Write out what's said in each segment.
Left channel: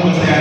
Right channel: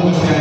não né?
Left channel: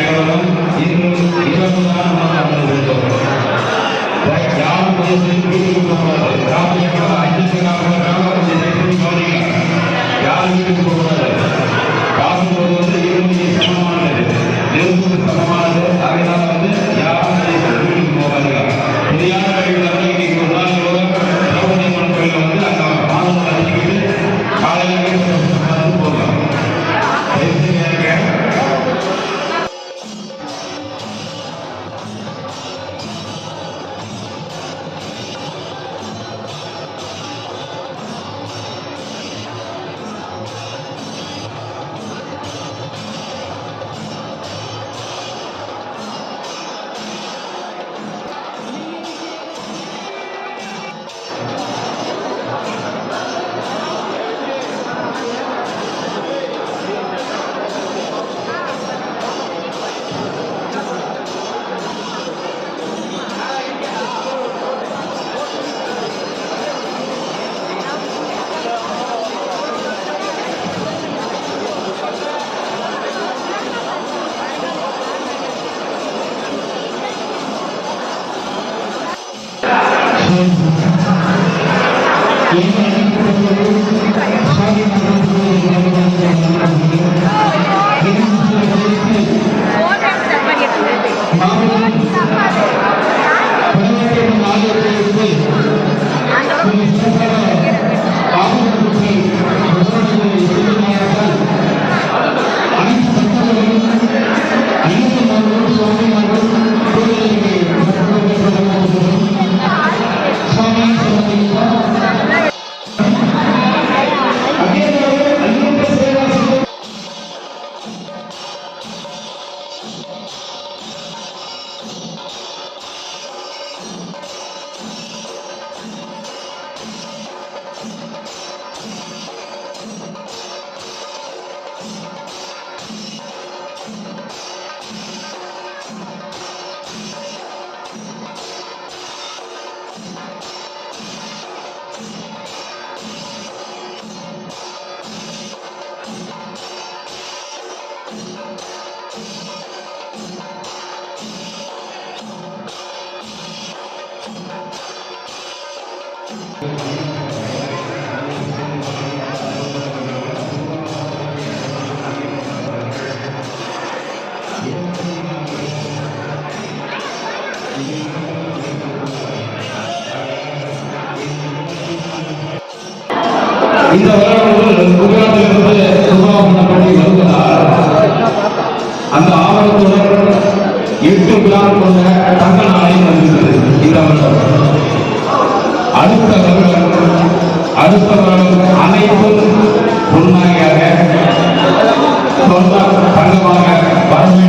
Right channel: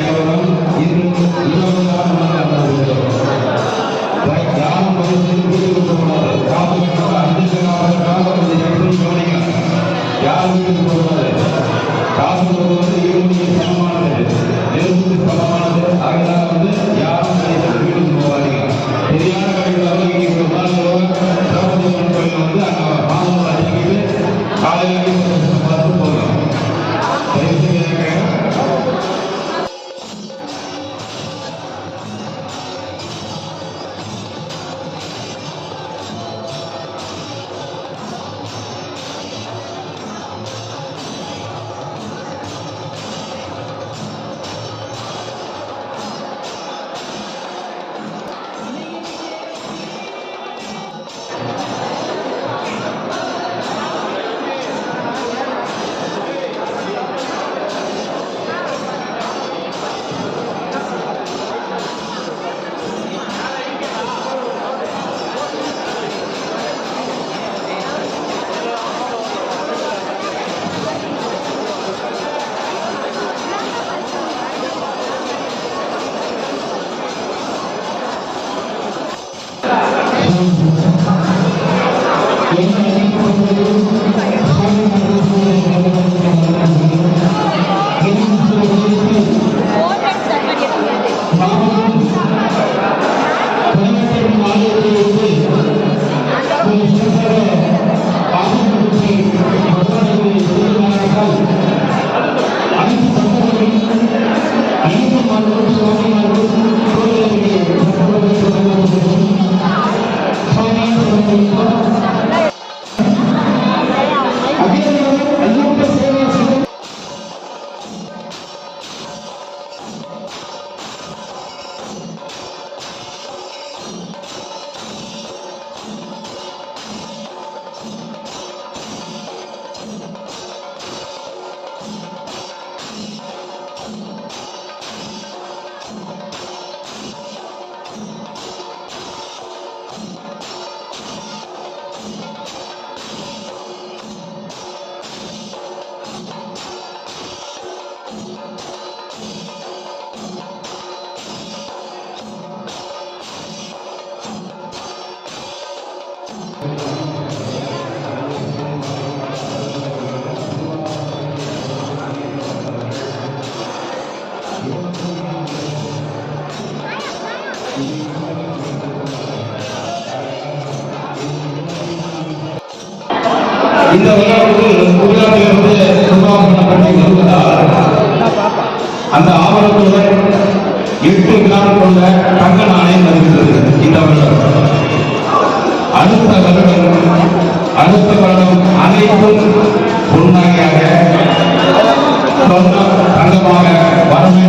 인사하고 우리가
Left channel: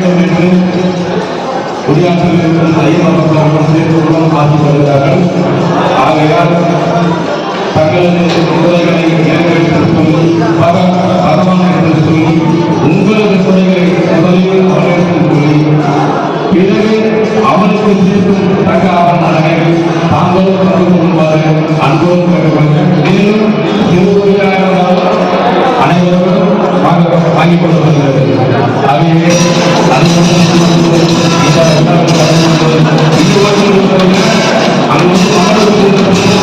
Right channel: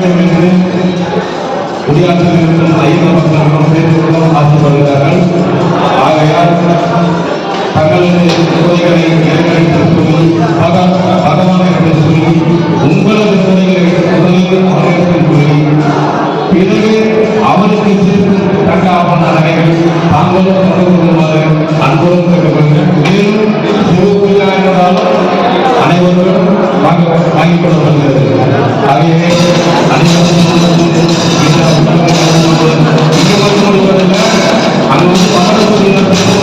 வேண்டும் என்று குடியாற்றில் இருக்கும் ஐயப்ப பக்தர்கள் சேர்ந்து ஆசைப்படுகிறார்கள் ஆகையால் தங்களது குறைகளை நிறைவேற்ற சொல்லி பகவான் என்று சொல்லி உங்களது குறைகளை முதலில் அவர்களுக்கு கூறி பிறகு அவருக்கு சேர்க்கும் தக்க அவன் ஆவணங்களை தாங்களும் கற்றுக் கொள்ளுமாறு அன்போடு கேட்டுக்கொள்கிறேன். மேலும் வாங்கிக் கொள்ளப்படுகிறது ஆகவே அனைவரும் இந்த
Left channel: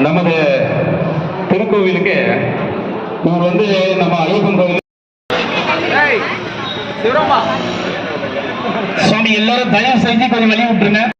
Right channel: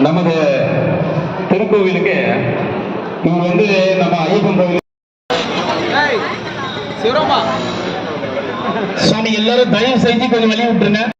நமது திருக்கோவிலுக்கு இவர் வந்து நம்ம ஐயப்பன் கோவில் சுவாமி எல்லாரும் தயவு செஞ்சு கொஞ்சம் வெளியே விட்டுருங்க.